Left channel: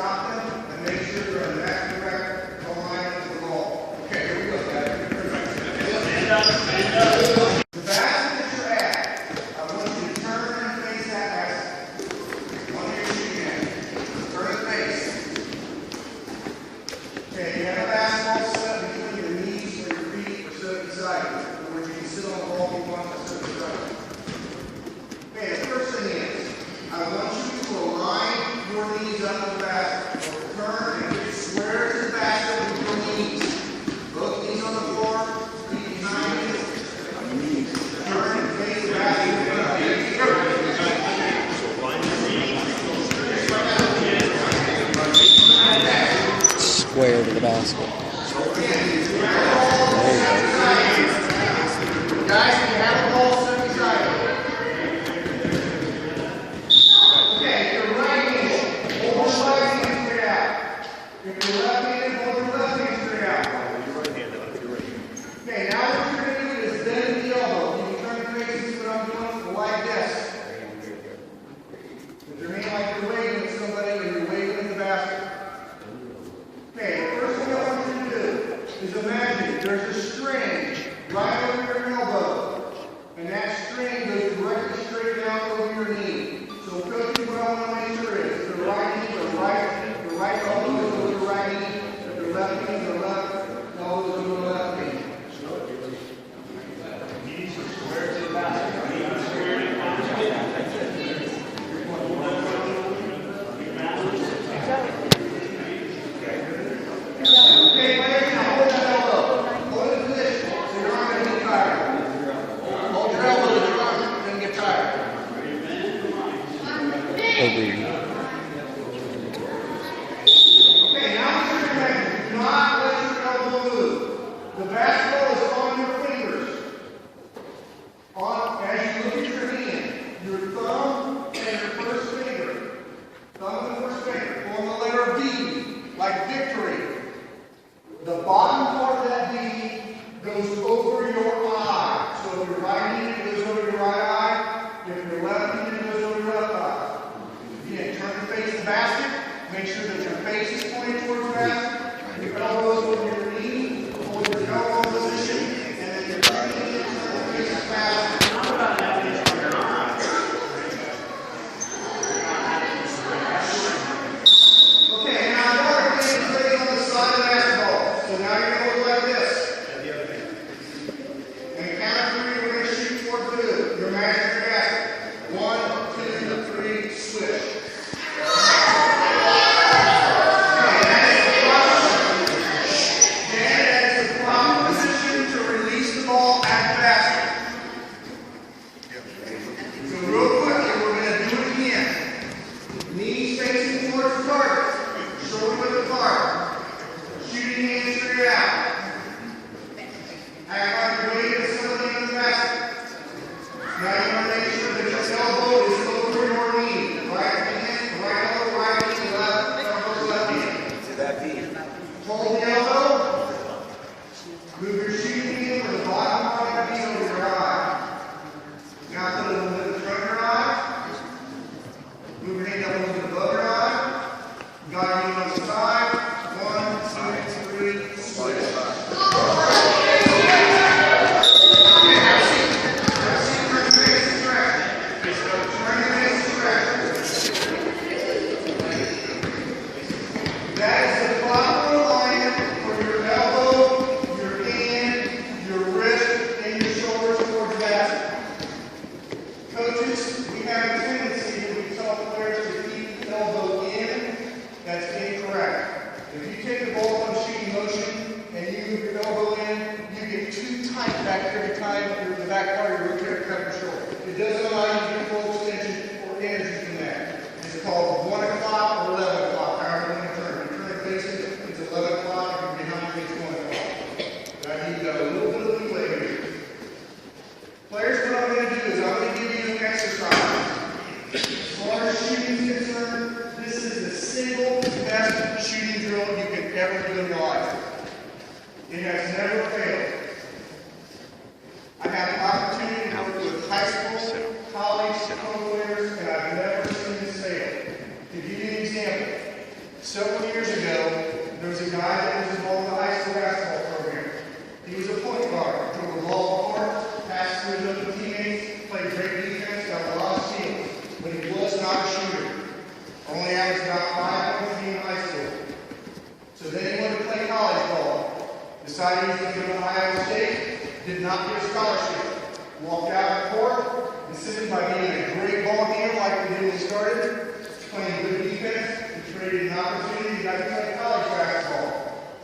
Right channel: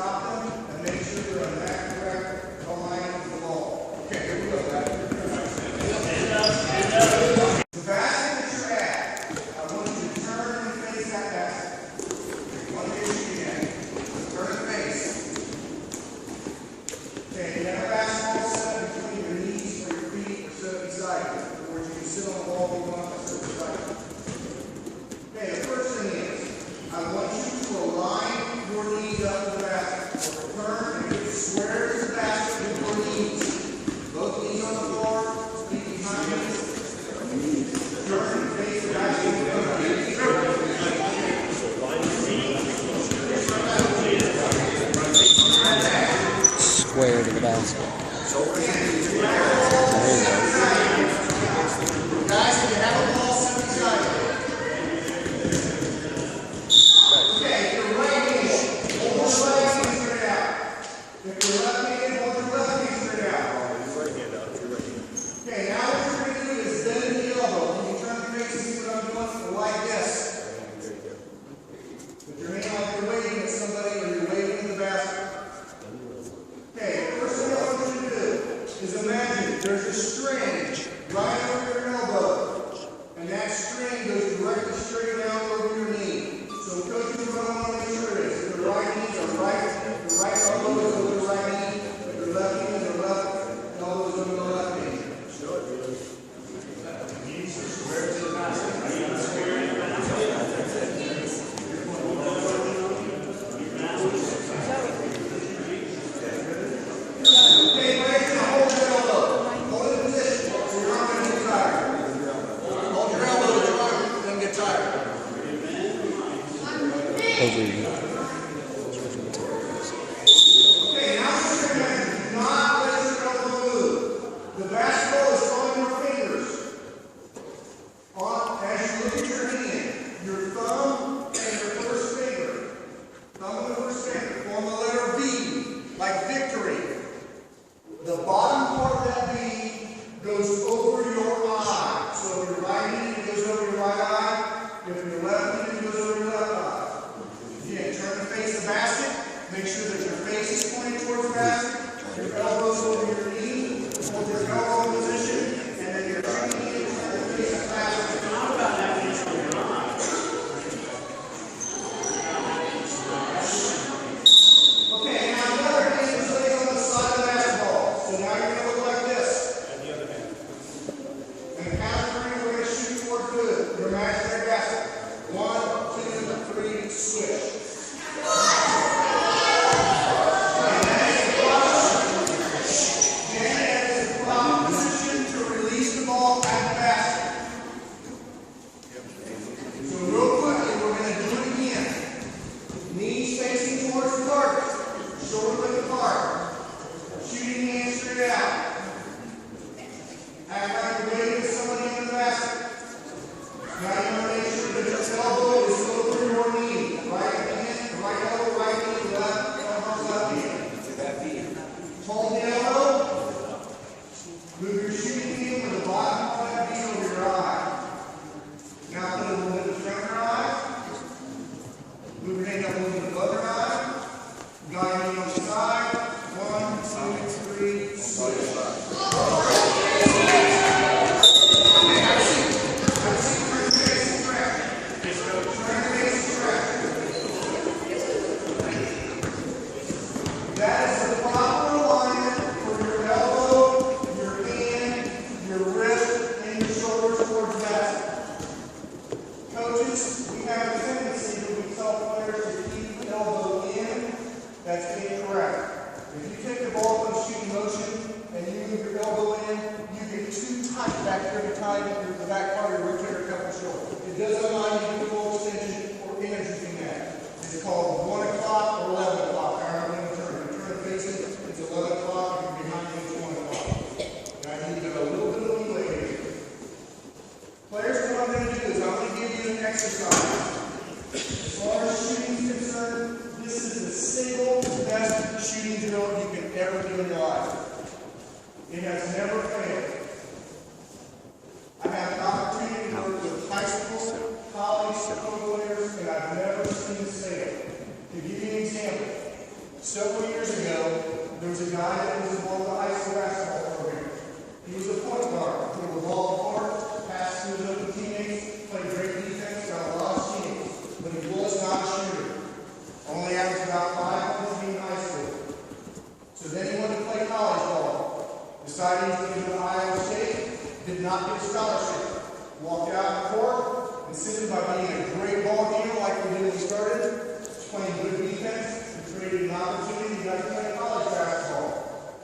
stop them and make sure you're in that correct alignment with the ball. Okay, here we go, guys. The basket that you're at, I want you to turn and face that basket. One day you're shooting at it. Turn and face. Okay, you have a basketball set up between your knees or your feet or set up beside you. In other words, you can sit on the ball if you want to sit beside you. Okay, the first thing is, I want you to align your knees up to the basket. So turn and get square to the basket with your knees. Both knees on the floor, feet behind you. Turn and face the basket in front of you. Square to the basket. There you go. Guys, if you have a ball set beside you. Okay, if you're right-handed, hold your right hand straight out. If you're left-handed, hold your left hand straight out. Okay, now what you're going to do is bend the elbow. You can turn your face and see what I'm doing like this. Put your hand like you're waving at somebody or you're waving at the basket. Okay, the first thing I want you to do is imagine there's a string right over your elbow, and that string goes directly straight down over your knee. So, coaches, what I want to make sure is if the right knee or the right elbow is over the right knee, if the left knee is the left elbow is over the left knee. Knees are square to the basket. Okay, players, now hold your elbow. Hold it in position so your arm doesn't get tired. Hold your elbow so your arm doesn't get tired. Over you. Okay, now what you're going to do, do not let your elbow move. The basketball is on your fingers. As you look at your hand, your thumb and your first finger, thumb and the first finger, form the letter V, like victory. The bottom part of that V goes over your eye. So if you're right-handed, it goes over your right eye. If you're left-handed, it goes over your left eye. Again, turn and face the basket. Make sure that your face is pointed towards the basket. Your elbows over your knee, hold your elbow position, and then you're turning and turn and face the basket. Okay, now the other hand is laid on the side of the basketball. So now you're going to look like this. And the other hand. And count of 3, we're going to shoot towards good. Your imaginary basket. 1, 2, 3, switch. Hold the elbow. Move your shooting field to the bottom part of that beam over your eye. Now put a little bit in front of your eye. Move your hand up a little bit above your eye. Got your hand on the side. 1, 2, 3, switch. That is the proper alignment for your elbow, your hand, your wrist, and your shoulders towards the basket. Coaches, we have a tendency when we tell players to keep the elbow in. That's incorrect. If you take the ball from shooting motion and you move your elbow in, you get too tight back here every time the back part of your rotator cuff your shoulder. It doesn't allow you to get full extension or energy from that. It's called 1 o'clock or 11 o'clock, however you want to turn. It's 11 o'clock, and behind you it's 1 o'clock. But I need a little bit of leeway here. Players, what I'm going to do is I'm going to give you an exercise. As far as shooting is concerned, this is the single best shooting drill you can ever do in your life. It has never failed. I had the opportunity to work with high school, college, pro players, and I've never seen this fail. To give you an example, Several years ago, there was a guy that was involved in the high school basketball program. He was a point guard, threw the ball apart, passed through his other teammates, played great defense, got a lot of steals, but he was not a shooter. Only averaged about 5 points in high school. So then he went to play college ball. Decided he was going to go to Iowa State, did not get a scholarship. Walked out the court, and simply by being a great ball handler like we did when we started, playing good defense, and created an opportunity to get to play college basketball.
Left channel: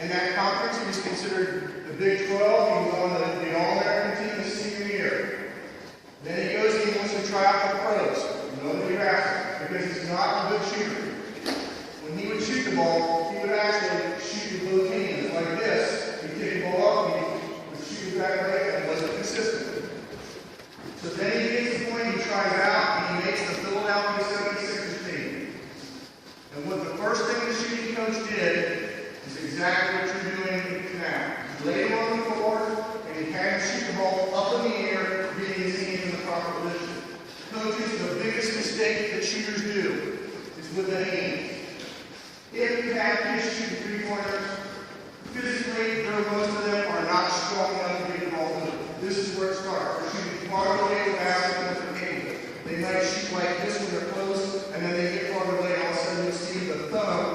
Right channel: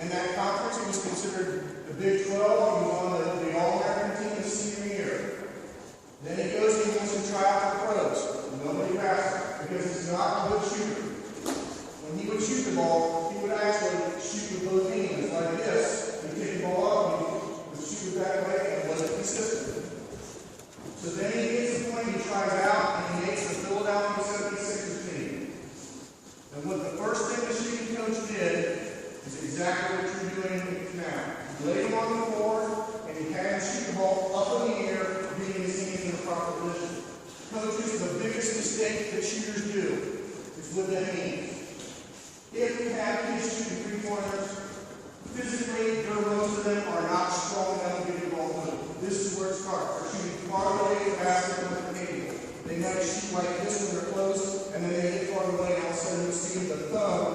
In that conference, he was considered the Big 12. He was on the All-American team his senior year. Then he goes and he wants to try out for pros. Nobody asked him because he's not a good shooter. When he would shoot the ball, he would actually shoot with both hands like this. He'd take the ball up and he would shoot it that way, and it wasn't consistent. So then he gets to the point, he tries out, and he makes the Philadelphia 76ers team. And what the first thing the shooting coach did is exactly what you're doing now. He laid him on the floor, and he had him shoot the ball up in the air, getting his hands in the proper position. Coaches, the biggest mistake that shooters do is with the hands. If you have kids shooting three-pointers, physically, most of them are not strong enough to get the ball moving. This is where it starts. They're shooting far away the basket with their hand. They might shoot like this when they're close, and then they get far away, and all of a sudden you see the thumb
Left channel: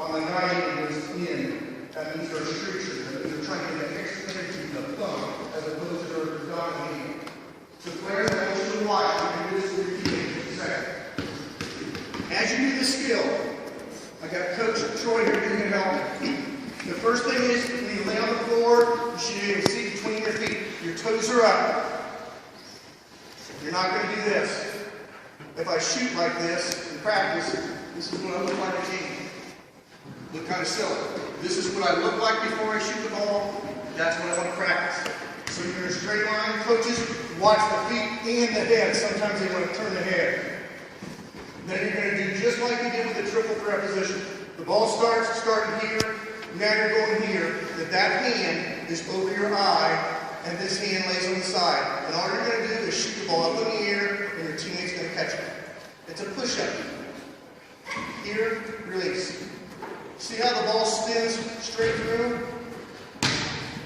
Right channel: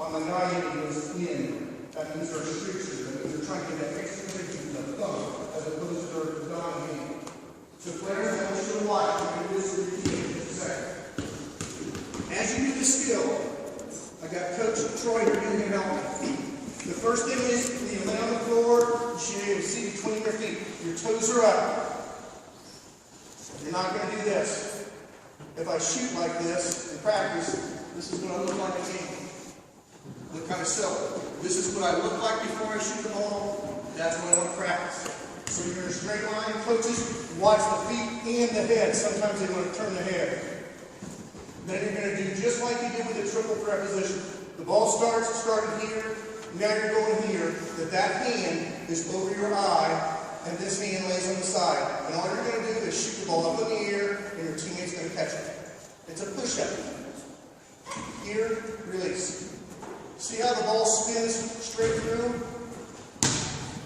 on the 90 goes in. That means they're streakers. That means they're trying to get that extra energy in the thumb as opposed to their dominant hand. So players, I want you to watch. You can do this with your team in just a second. As you do the skill, I got Coach Troy here who can help me. The first thing is, when you lay on the floor, you should be able to see between your feet. Your toes are up. You're not going to do this. If I shoot like this in practice, this is what I look like in game. Look kind of silly. This is what I look like before I shoot the ball. That's what I want to practice. So you're in a straight line. Coaches watch the feet and the head. Sometimes they want to turn the head. Then you're going to do just like you did with the triple preposition. The ball started here. Now you're going here. That hand is over your eye, and this hand lays on the side. And all you're going to do is shoot the ball up in the air, and your teammate's going to catch it. It's a push-up. Here, release. See how the ball spins straight through?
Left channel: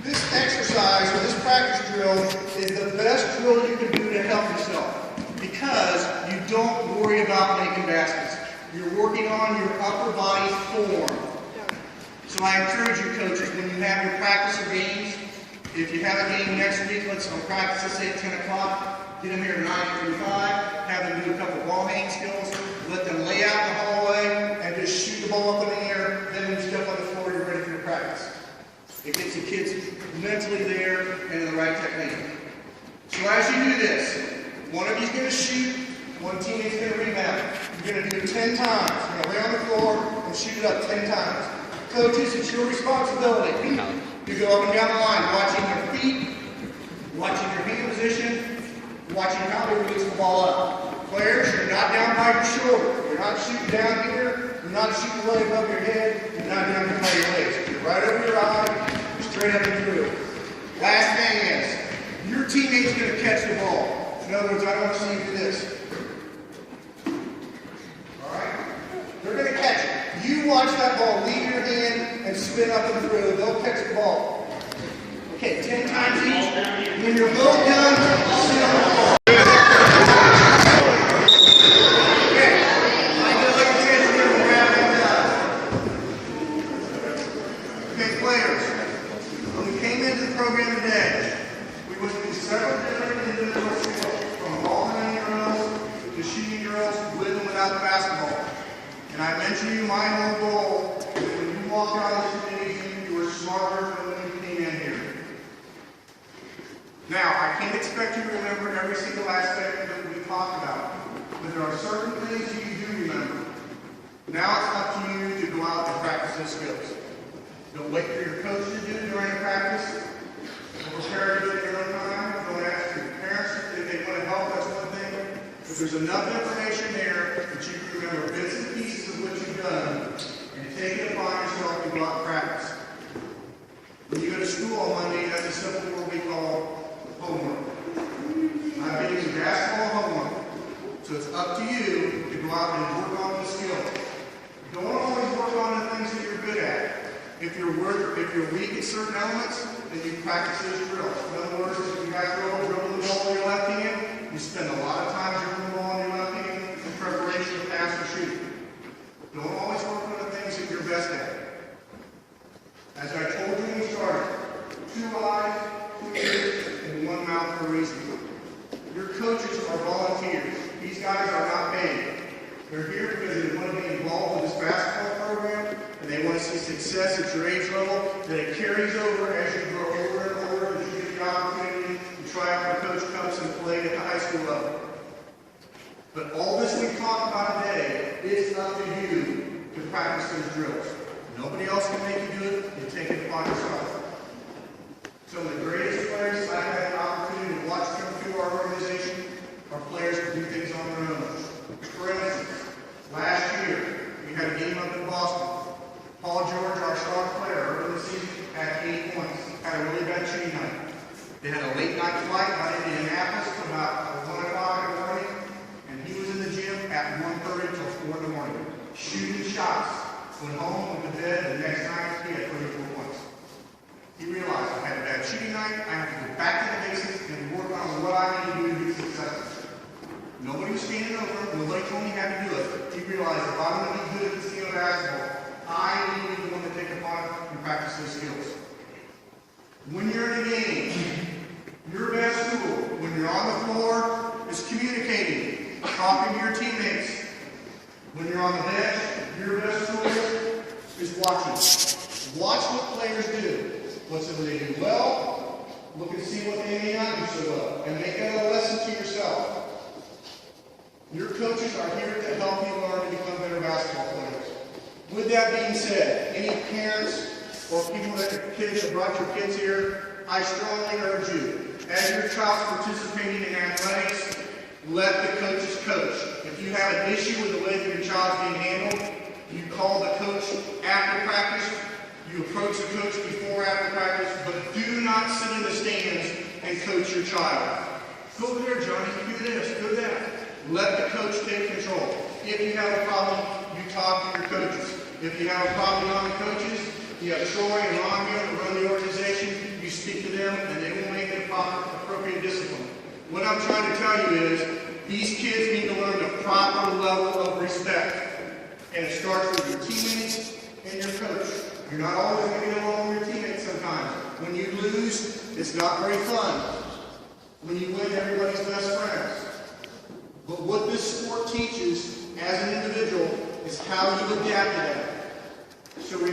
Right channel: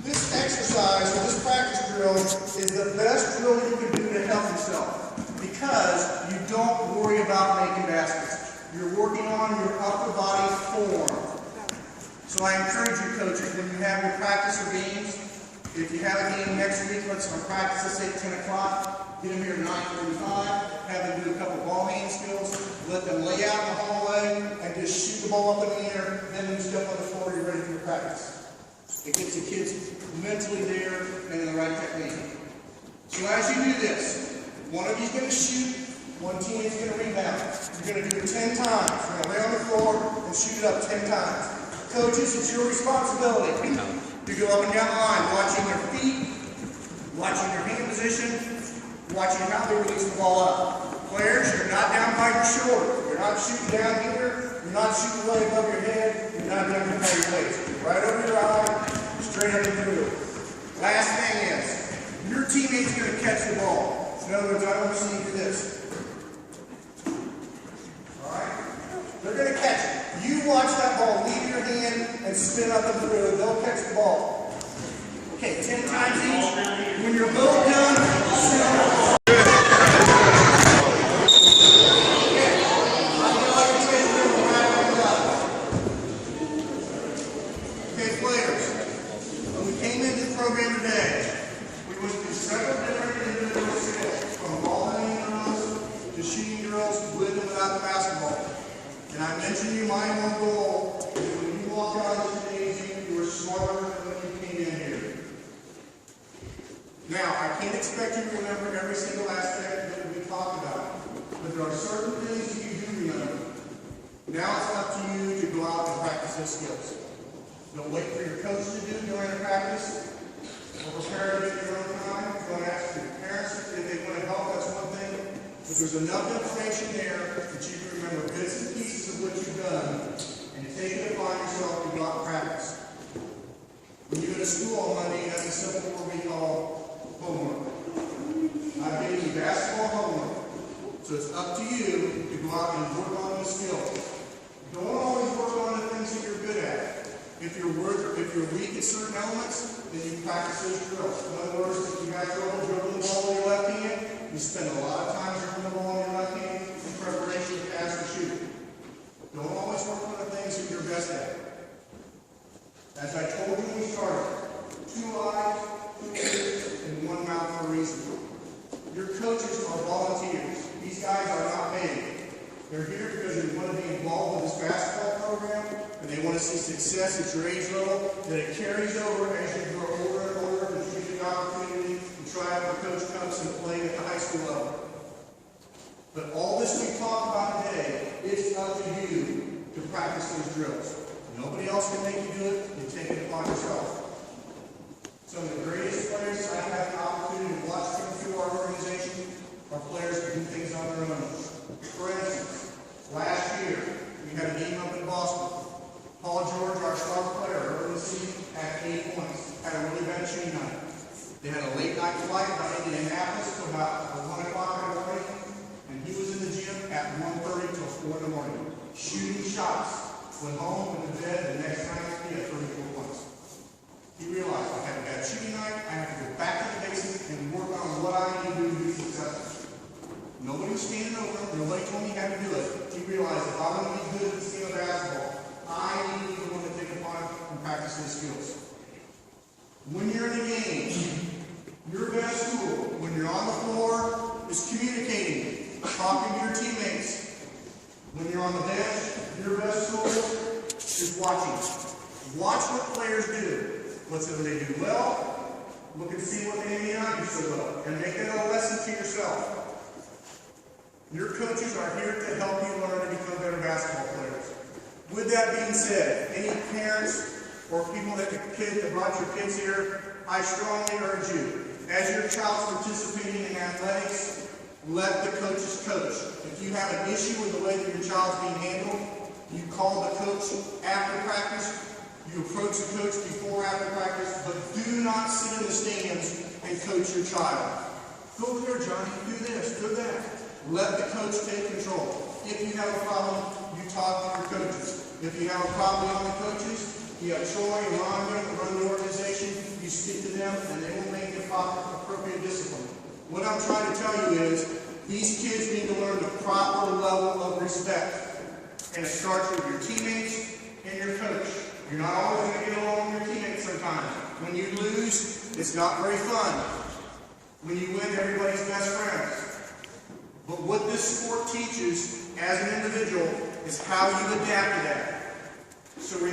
This exercise, or this practice drill, is the best drill you can do to help yourself because you don't worry about making baskets. You're working on your upper body form. So I encourage you, coaches, when you have your practice or games, if you have a game next week, let's practice, let's say at 10 o'clock, get them here at 9:45, have them do a couple ball handling skills, let them lay out in the hallway, and just shoot the ball up in the air. Then when you step on the floor, you're ready for your practice. It gets the kids mentally there and in the right technique. So as you do this, one of you's going to shoot, one teammate's going to rebound. You're going to do it 10 times. You're going to lay on the floor and shoot it up 10 times. Coaches, it's your responsibility to go up and down the line, watching their feet, watching their hand position, watching how they release the ball up. Players, you're not down by your shoulder. You're not shooting down here. You're not shooting way above your head. You're not down here by your legs. You're right over your eye, straight up and through. Last thing is, your teammate's going to catch the ball. In other words, I don't want to see you do this. All right? They're going to catch it. You watch that ball leave your hand and spin up and through. They'll catch the ball. Okay, 10 times each. When you're both done, sit on the floor. Okay, I get all your kids here to wrap it up. Okay, players, when we came into the program today, we went through several different individual skills, from ball handling drills to shooting drills with and without the basketball. And I mentioned to you my whole goal is when you walk out of this gymnasium, you were smarter than when you came in here. Now, I can't expect you to remember every single aspect that we talked about, but there are certain things you do remember. Now it's up to you to go out and practice those skills. Don't wait for your coach to do it during the practice. Don't prepare to do it your own time. Don't ask your parents if they want to help, that's one thing. But there's enough information there that you can remember bits and pieces of what you've done and take it upon yourself to go out and practice. When you go to school on Monday, you have the simple what we call homework. I've given you basketball homework. So it's up to you to go out and work on those skills. Don't if you're weak at certain elements, then you practice those drills. In other words, if you got trouble dribbling the ball with your left hand, you spend a lot of time dribbling the ball in your left hand in preparation to pass or shoot. Don't always work on the things that you're best at. As I told you when we started, 2 eyes, 2 ears, and 1 mouth for a reason. Your coaches are volunteers. These guys are not paid. They're here because they want to be involved with this basketball program, and they want to see success at your age level, that it carries over as you grow older and older, and you get the opportunity to try out when coach comes and play at the high school level. But all this we talked about today, it's up to you to practice those drills. Nobody else can make you do it. You take it upon yourself. Some of the greatest players I've had the opportunity to watch come through our organization are players who do things on their own. For instance, last year, we had a game up in Boston. Paul George, our star player, early in the season, had 8 points. Had a really bad shooting night. They had a late night flight by Indianapolis till about 1 o'clock in the morning, and he was in the gym at 1:30 till 4 in the morning, shooting shots. Went home, went to bed, the next night he had 34 points. He realized I had a bad shooting night, I have to go back to the basics and work on what I need to do to be successful. Nobody was standing over, nobody told me how to do it. He realized if I want to be good at this game of basketball, I need to be the one to take upon it and practice those skills. When you're in a game, your best tool, when you're on the floor, is communicating, talking to your teammates. When you're on the bench, your best tool is watching. Watch what players do. What's it they do well? Look and see what they may not do so well. And make it a lesson to yourself. Your coaches are here to help you learn to become better basketball players. With that being said, any parents or people that brought your kids here, I strongly urge you, as your child's participating in athletics, let the coaches coach. If you have an issue with the way that your child's being handled, you call the coach after practice, you approach the coach before or after practice, but do not sit in the stands and coach your child. Go over there, Johnny, do this, do that. Let the coach take control. If you have a problem, you talk to your coaches. If you have a problem on the coaches, you have Troy and Ron here that run the organization, you speak to them and they will make the proper, appropriate discipline. What I'm trying to tell you is, these kids need to learn the proper level of respect. And it starts with your teammates and your coach. You're not always going to get along with your teammates sometimes. When you lose, it's not very fun. When you win, everybody's best friends. But what this sport teaches as an individual is how you adapt to that. So